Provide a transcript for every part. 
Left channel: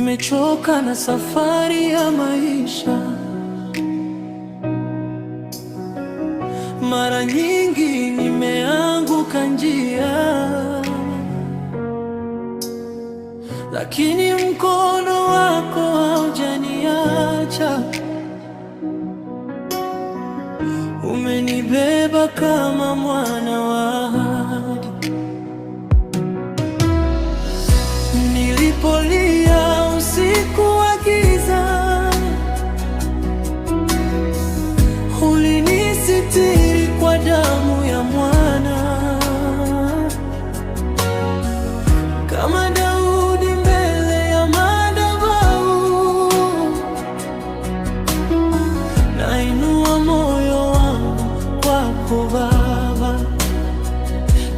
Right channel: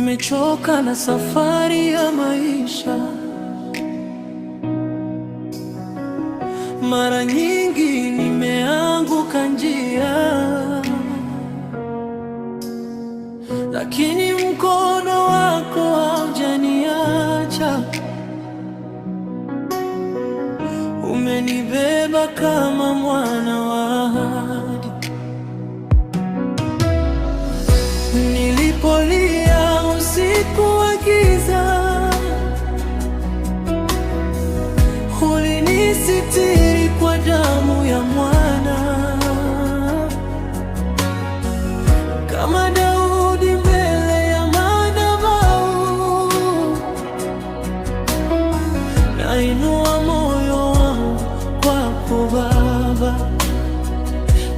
Nimechoka na safari ya maisha. Mara nyingi nimeanguka njia, lakini mkono wako haujaniacha. Umenibeba kama mwana wa ahadi. Nilipolia usiku wa giza, ulinisitiri kwa damu ya mwana. Kama Daudi mbele ya madhabahu, nainua moyo wangu kwako Baba,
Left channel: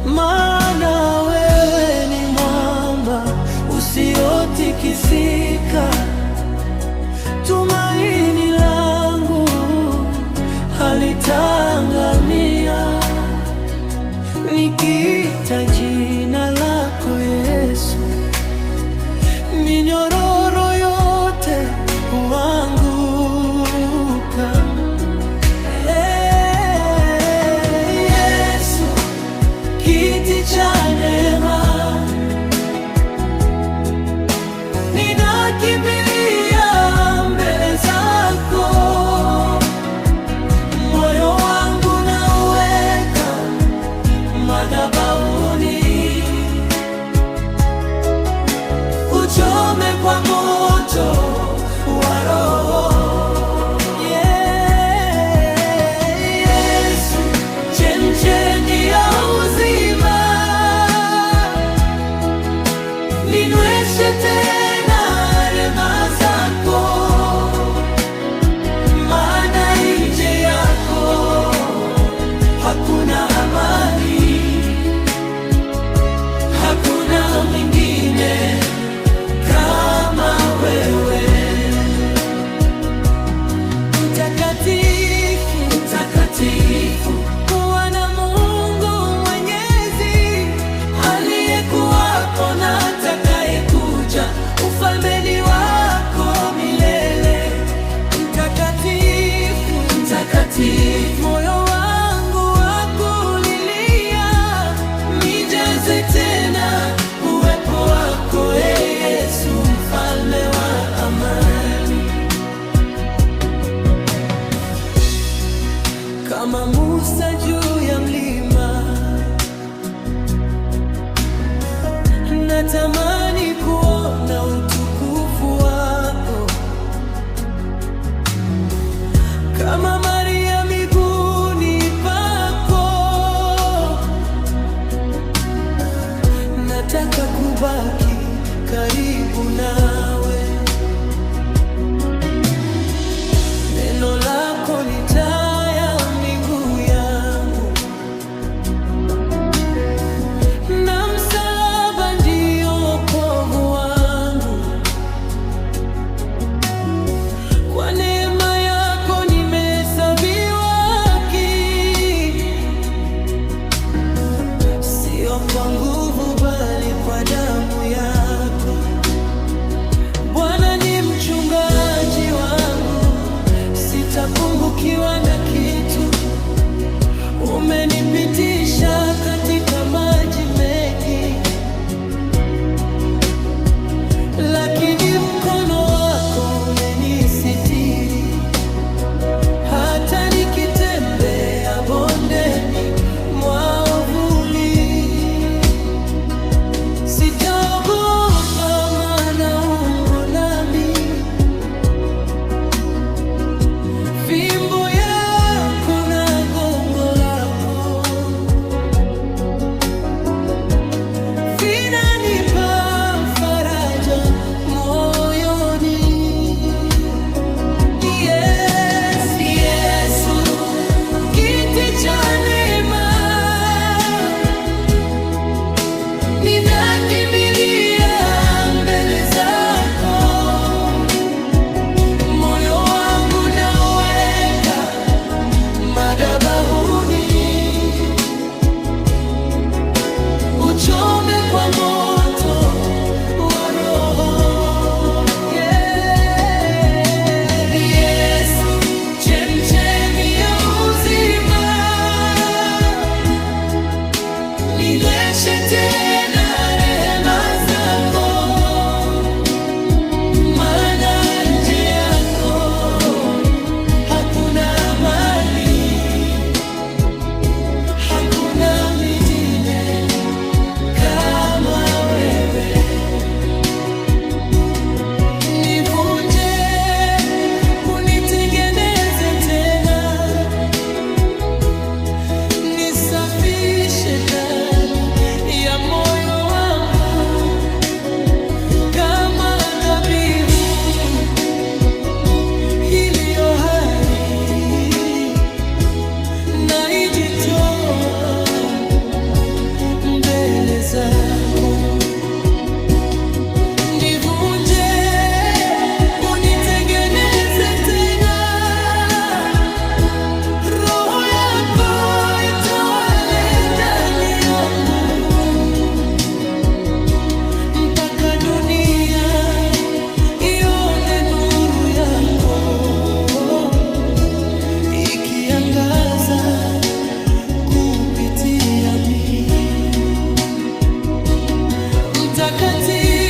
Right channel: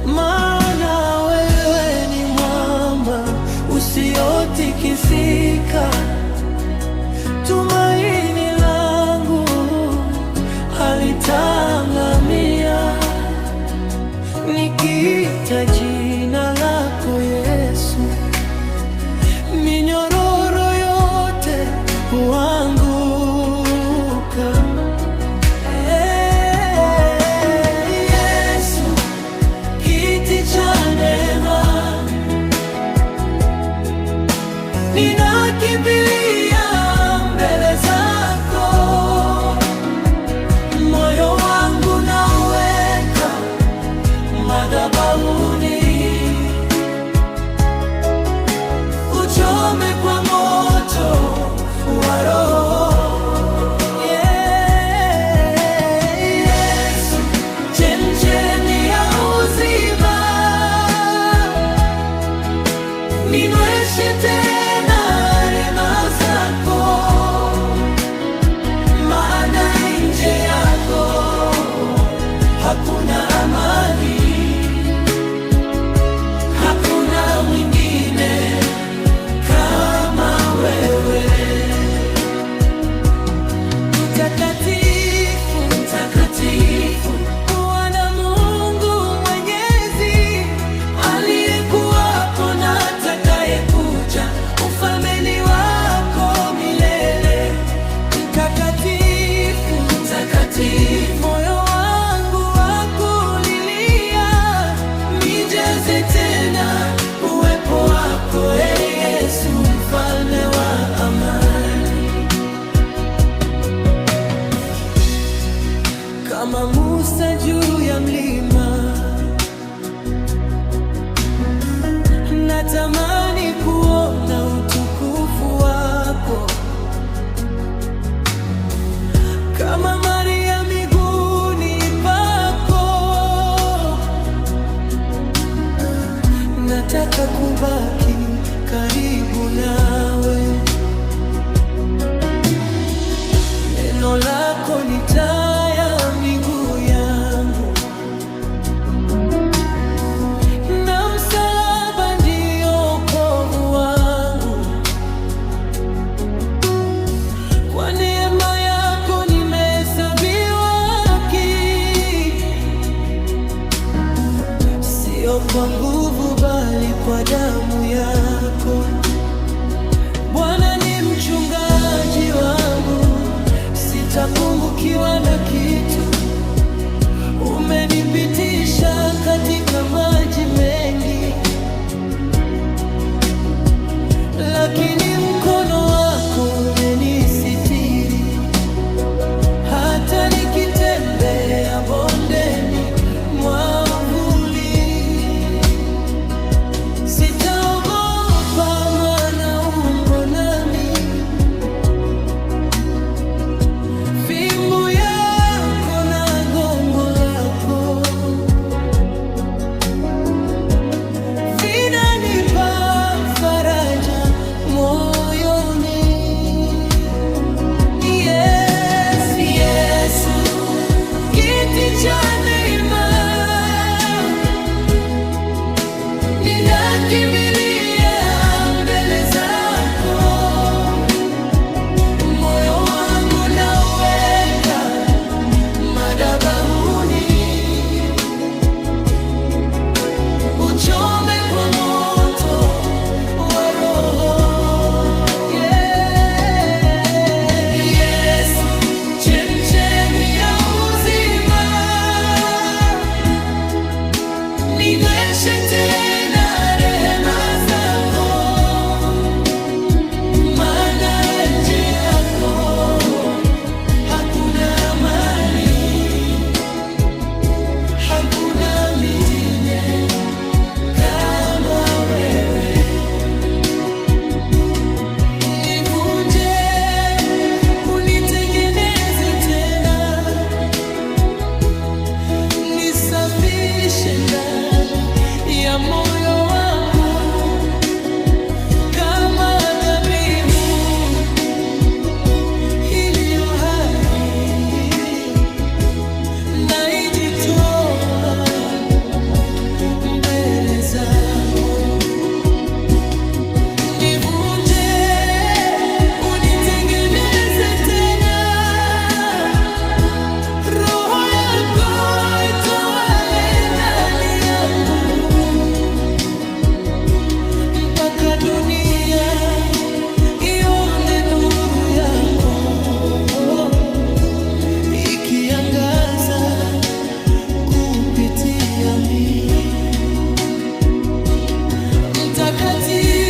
maana wewe ni mwamba usiotikisika. Tumaini langu halitaangamia. Nikiita jina lako Yesu, minyororo yote huanguka. Yesu, kiti cha neema, ninakimbilia mbele zako. Moyo wangu nauweka madhabahuni, uchome kwa moto wa Roho. Yesu, chemchemi ya uzima, ninyweshe tena rehema zako, maana nje yako hakuna amani, hakuna mwingine kama wewe. Mtakatifu, mtakatifu, Bwana Mungu Mwenyezi, aliyekuwapo na atakayekuja, ufalmeni wako milele. Mtakatifu, mtakatifu, moyo wangu wakulilia, nijaze tena uwepo wako, Yesu, mfalme wa amani. Kama Musa juu ya mlima, natamani kuona utukufu wako. Kama Maria miguuni pako, nataka kubaki karibu nawe. Neno lako ni taa ya miguu yangu, na msalaba ndio wokovu wangu. Kwa neema yako nimehesabiwa haki, sio kwa nguvu bali kwa damu yako. Bwana ni mchungaji wangu, sitapungukiwa na kitu. Umenipitisha katika maji mengi, lakini mkono wako umenisitiri. Hata nikitembea bondeni mwa uvuli, sitaogopa, maana upo nami. Fimbo yako na gongo lako vinanipa faraja moyoni. Yes, Yesu, kiti cha neema, ninakimbilia dunia ione nuru yako ikiangaza kupitia mimi. Mtakatifu